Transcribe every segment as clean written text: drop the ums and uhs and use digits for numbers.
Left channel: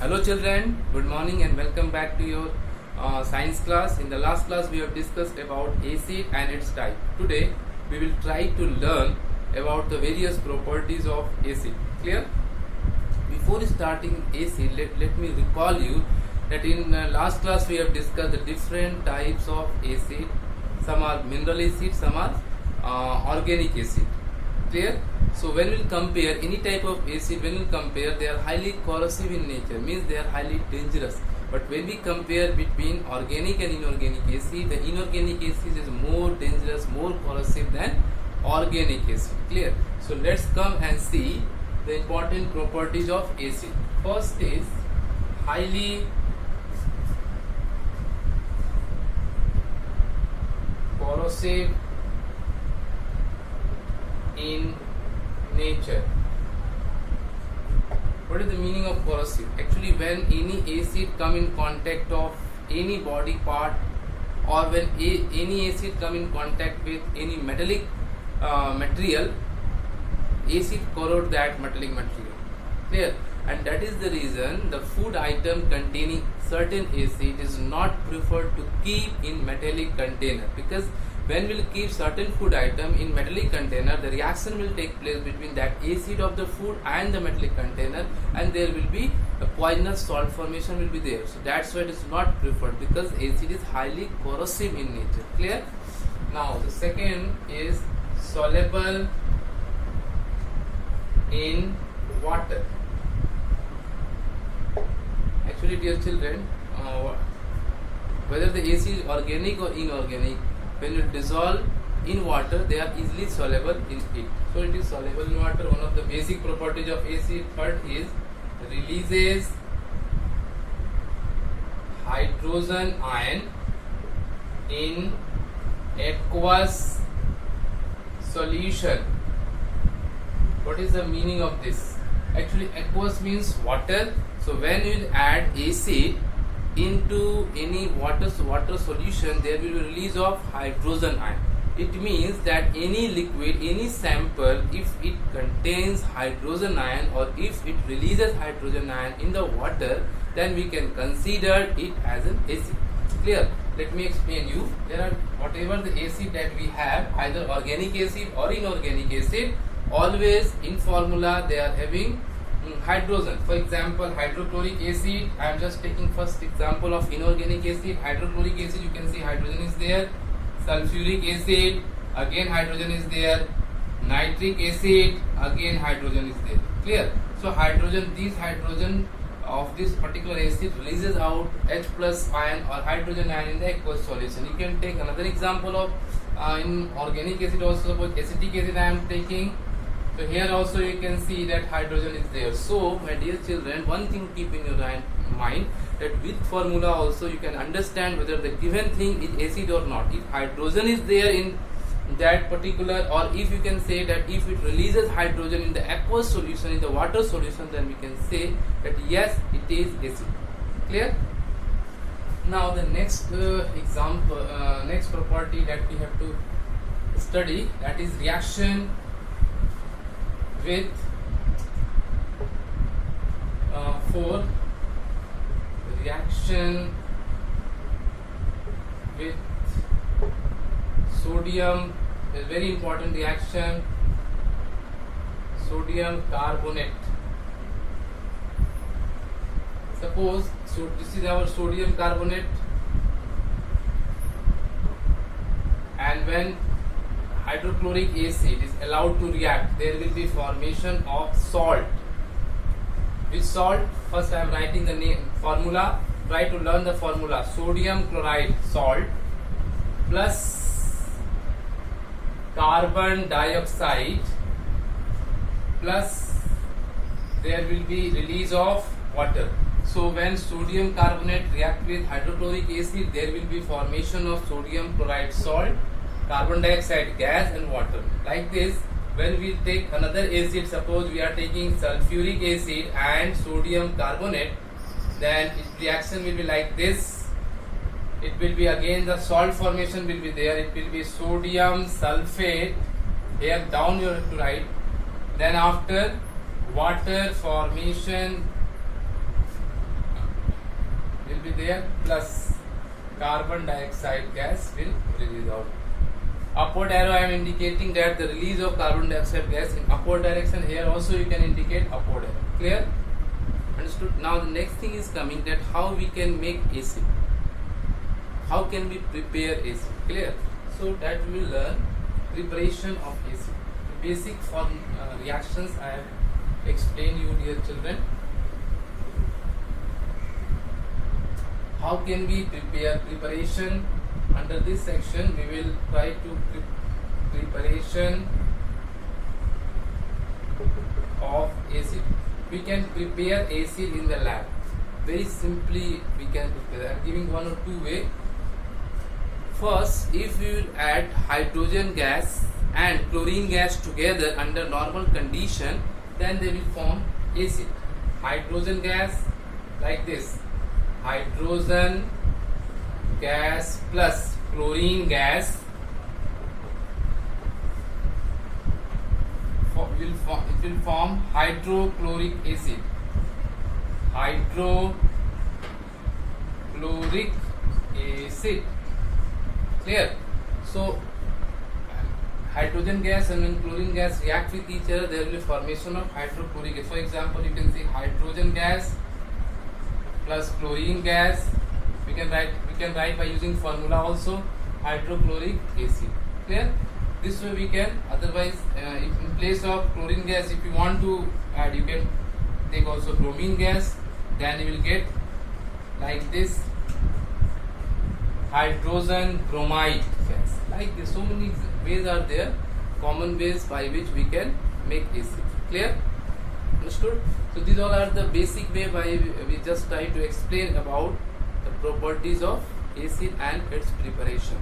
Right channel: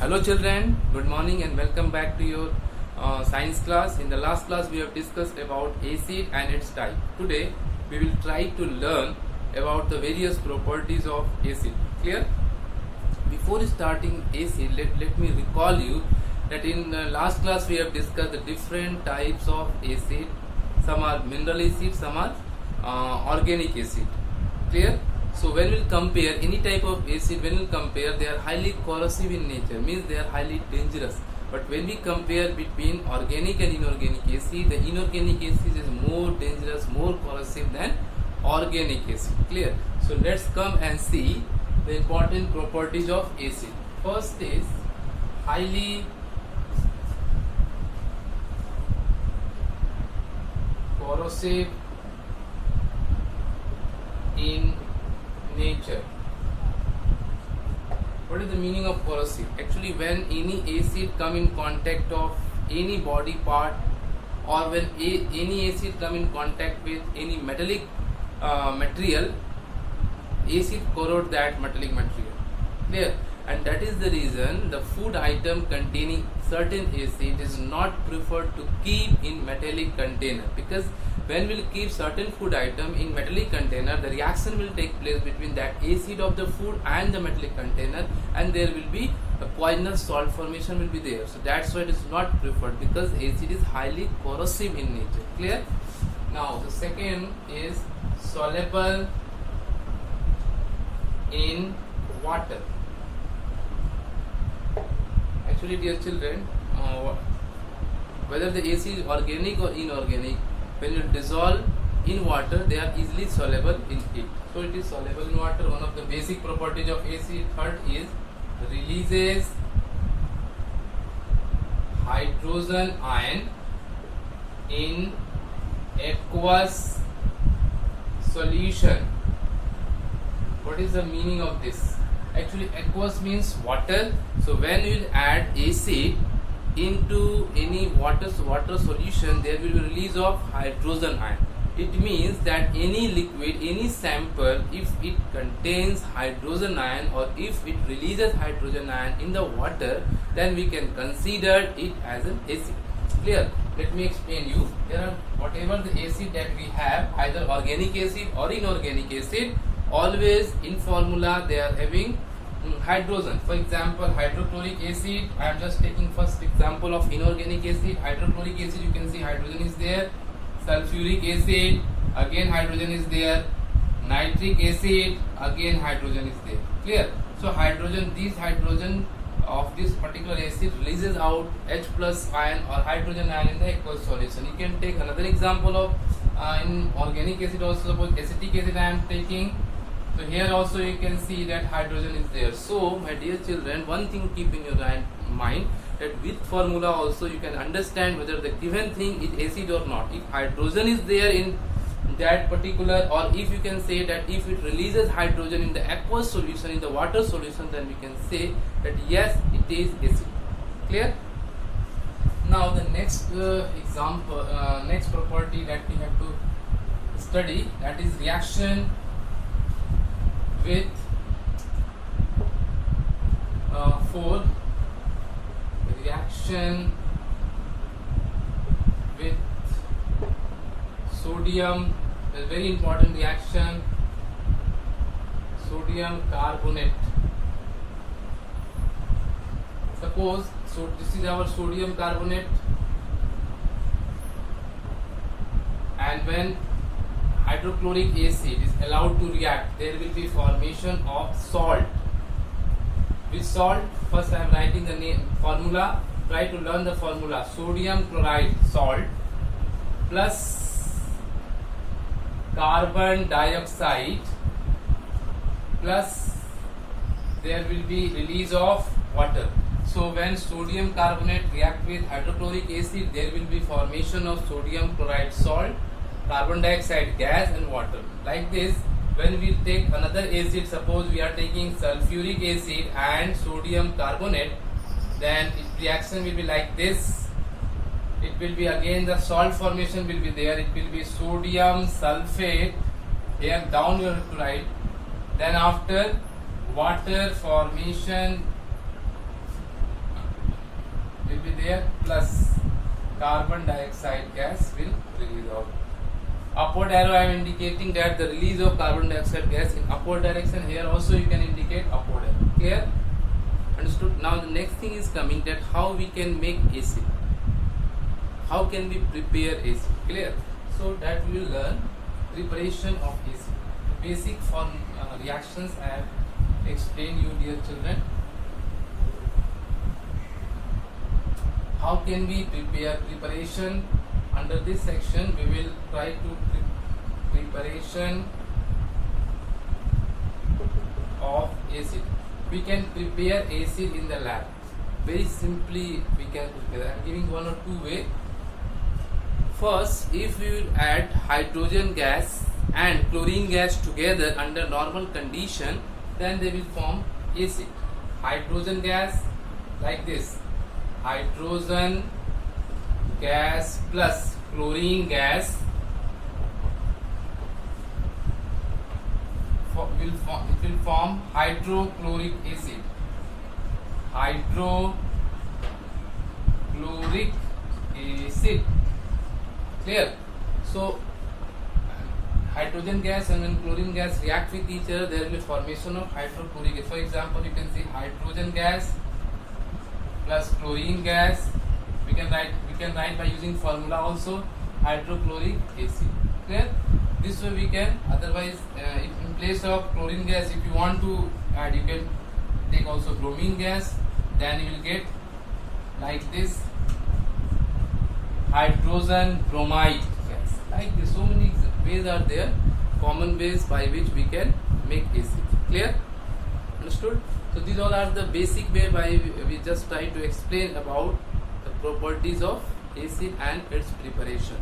Hello children, good morning and welcome back to your science class. In the last class we have discussed about acid and its type. Today we will try to learn about the various properties of acid. Clear? Before starting acid, let me recall you that in last class we have discussed the different types of acid. Some are mineral acid, some are organic acid. Clear? So when we compare any type of acid, when we compare, they are highly corrosive in nature, means they are highly dangerous. But when we compare between organic and inorganic acid, the inorganic acid is more dangerous, more corrosive than organic acid. Clear? So let's come and see the important properties of acid. First is highly corrosive in nature. What is the meaning of corrosive? Actually, when any acid come in contact of any body part, or when any acid come in contact with any metallic material, acid corrode that metallic material. Clear? And that is the reason the food item containing certain acid is not preferred to keep in metallic container, because when we will keep certain food item in metallic container, the reaction will take place between that acid of the food and the metallic container, and there will be a poisonous salt formation will be there. So that's why it is not preferred, because acid is highly corrosive in nature. Clear? Now the second is soluble in water. Actually, dear children, whether the acid is organic or inorganic, when you dissolve in water, they are easily soluble in it. So it is soluble in water. One of the basic properties of acid. Third is releases hydrogen ion in aqueous solution. What is the meaning of this? Actually, aqueous means water. So when you will add acid into any water solution, there will be release of hydrogen ion. It means that any liquid, any sample, if it contains hydrogen ion or if it releases hydrogen ion in the water, then we can consider it as an acid. Clear? Let me explain you. There are whatever the acid that we have, either organic acid or inorganic acid, always in formula they are having hydrogen. For example, hydrochloric acid, I am just taking first example of inorganic acid. Hydrochloric acid, you can see hydrogen is there. Sulfuric acid, again hydrogen is there. Nitric acid, again hydrogen is there. Clear? So hydrogen, these hydrogen of this particular acid releases out H plus ion or hydrogen ion in the aqueous solution. You can take another example of in organic acid also. Suppose acetic acid I am taking. So here also you can see that hydrogen is there. So my dear children, one thing keep in your mind, that with formula also you can understand whether the given thing is acid or not. If hydrogen is there in that particular, or if you can say that if it releases hydrogen in the aqueous solution, in the water solution, then we can say that yes, it is acid. Clear? Now the next example, next property that we have to study, that is reaction with reaction with sodium, a very important reaction, sodium carbonate. Suppose, so this is our sodium carbonate, and when hydrochloric acid is allowed to react, there will be formation of salt. With salt, first I am writing the name formula. Try to learn the formula. Sodium chloride salt plus carbon dioxide plus there will be release of water. So when sodium carbonate react with hydrochloric acid, there will be formation of sodium chloride salt, carbon dioxide gas and water. Like this, when we take another acid, suppose we are taking sulfuric acid and sodium carbonate, then its reaction will be like this. It will be again the salt formation will be there. It will be sodium sulfate. Here down you have to write. Then after water formation will be there, plus carbon dioxide gas will release out. Upward arrow I am indicating that the release of carbon dioxide gas in upward direction. Here also you can indicate upward arrow. Clear? Understood? Now the next thing is coming, that how we can make acid. How can we prepare acid? Clear? So that we will learn preparation of acid. The basic reactions I have explained you, dear children. How can we prepare preparation? Under this section we will try to preparation of acid. We can prepare acid in the lab. Very simply we can prepare. I am giving one or two ways. First, if you add hydrogen gas and chlorine gas together under normal condition, then they will form acid. Hydrogen gas like this. Hydrogen gas plus chlorine gas it will form hydrochloric acid. Hydrochloric acid. Clear? So hydrogen gas and when chlorine gas react with each other, there will be formation of hydrochloric acid. For example, you can see hydrogen gas plus chlorine gas. We can write by using formula also, hydrochloric acid. Clear? This way we can. Otherwise, in place of chlorine gas, if you want to add, you can take also bromine gas. Then you will get like this, hydrogen bromide gas. Like this, so many ways are there, common ways by which we can make acid. Clear? Understood? So these all are the basic way by we just try to explain about the properties of acid and its preparation.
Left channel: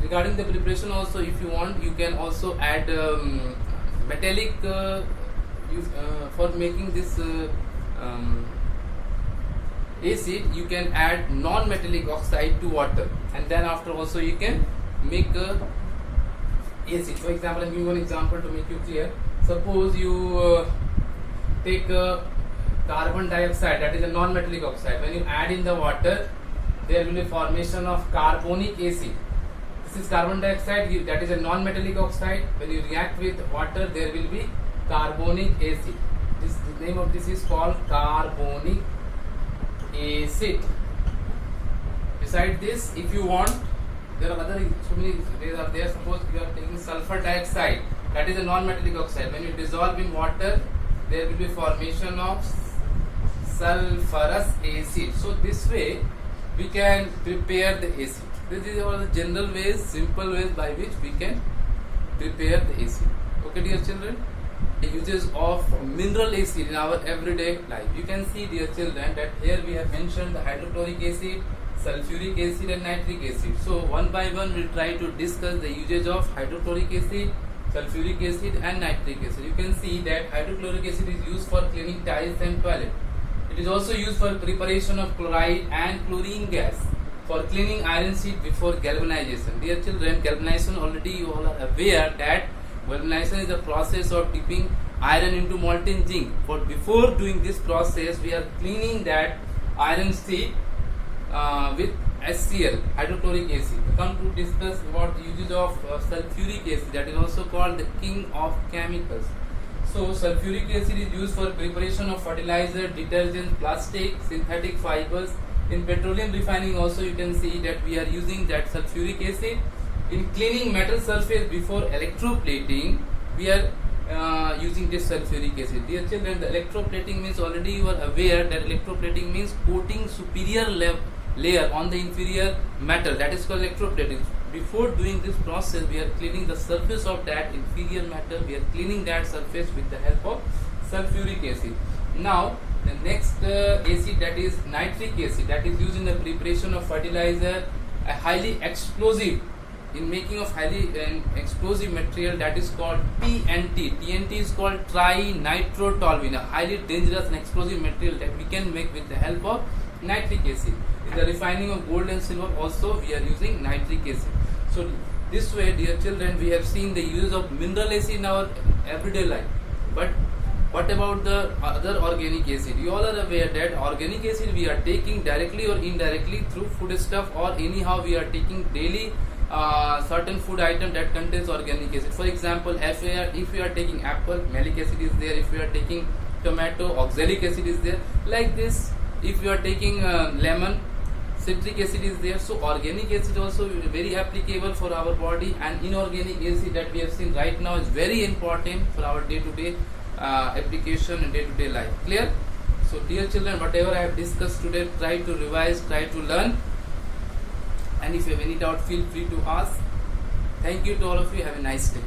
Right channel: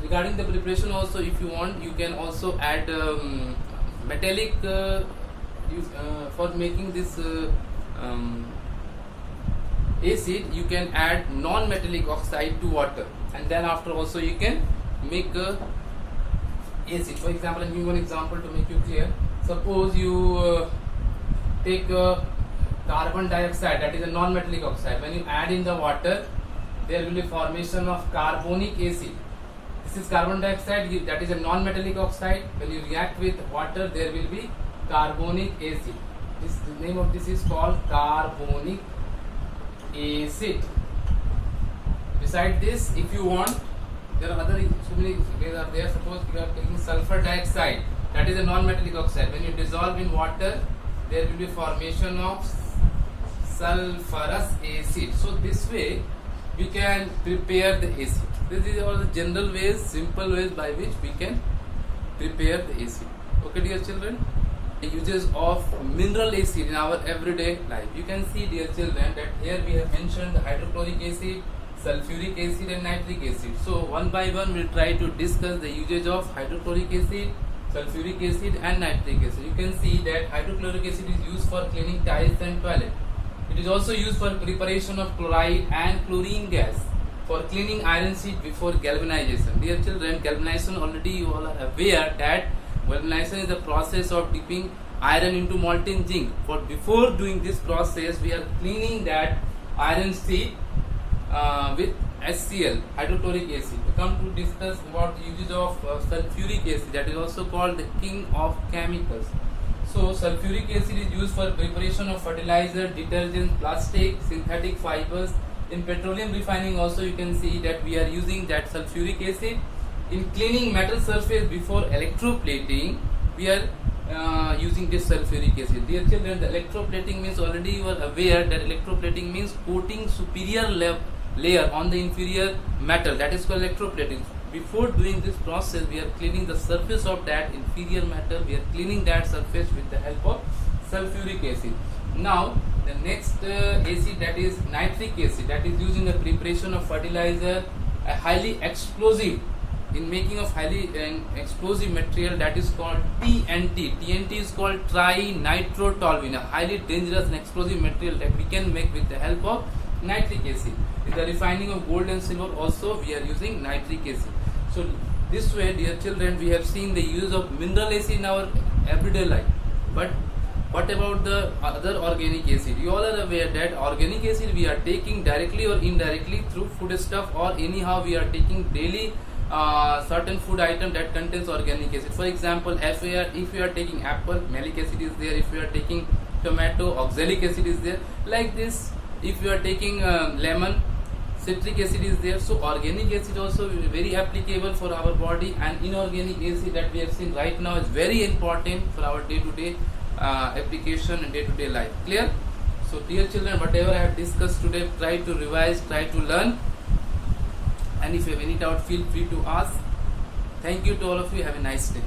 Regarding the preparation also, if you want, you can also add metallic for making this acid. You can add non-metallic oxide to water, and then after also you can make acid. For example, I am giving one example to make you clear. Suppose you take carbon dioxide, that is a non-metallic oxide. When you add in the water, there will be formation of carbonic acid. This is carbon dioxide, that is a non-metallic oxide. When you react with water, there will be carbonic acid. The name of this is called carbonic acid. Besides this, if you want, there are other so many ways are there. Suppose you are taking sulfur dioxide, that is a non-metallic oxide. When you dissolve in water, there will be formation of sulfurous acid. So this way we can prepare the acid. This is all the general ways, simple ways by which we can prepare the acid. Okay, dear children, the uses of mineral acid in our everyday life. You can see, dear children, that here we have mentioned the hydrochloric acid, sulfuric acid and nitric acid. So one by one we will try to discuss the usage of hydrochloric acid, sulfuric acid and nitric acid. You can see that hydrochloric acid is used for cleaning tiles and toilet. It is also used for preparation of chloride and chlorine gas, for cleaning iron sheet before galvanization. Dear children, galvanization, already you all are aware that galvanization is the process of dipping iron into molten zinc. For before doing this process, we are cleaning that iron sheet with HCl, hydrochloric acid. We come to discuss about the uses of sulfuric acid, that is also called the king of chemicals. So sulfuric acid is used for preparation of fertilizer, detergent, plastic, synthetic fibers. In petroleum refining also you can see that we are using that sulfuric acid. In cleaning metal surface before electroplating, we are using this sulfuric acid. Dear children, the electroplating means, already you are aware that electroplating means coating superior layer on the inferior metal, that is called electroplating. Before doing this process, we are cleaning the surface of that inferior metal. We are cleaning that surface with the help of sulfuric acid. Now the next acid, that is nitric acid, that is used in the preparation of fertilizer, a highly explosive, in making of highly explosive material, that is called TNT. TNT is called trinitrotoluene, a highly dangerous and explosive material that we can make with the help of nitric acid. In the refining of gold and silver also we are using nitric acid. So this way, dear children, we have seen the use of mineral acid in our everyday life. But What about the other organic acid? You all are aware that organic acid we are taking directly or indirectly through foodstuff, or anyhow we are taking daily certain food item that contains organic acid. For example, if we are taking apple, malic acid is there. If we are taking tomato, oxalic acid is there. Like this, if you are taking lemon, citric acid is there. So organic acid also very applicable for our body, and inorganic acid that we have seen right now is very important for our day-to-day application and day-to-day life. Clear? So dear children, whatever I have discussed today, try to revise, try to learn, and if you have any doubt, feel free to ask. Thank you to all of you. Have a nice day.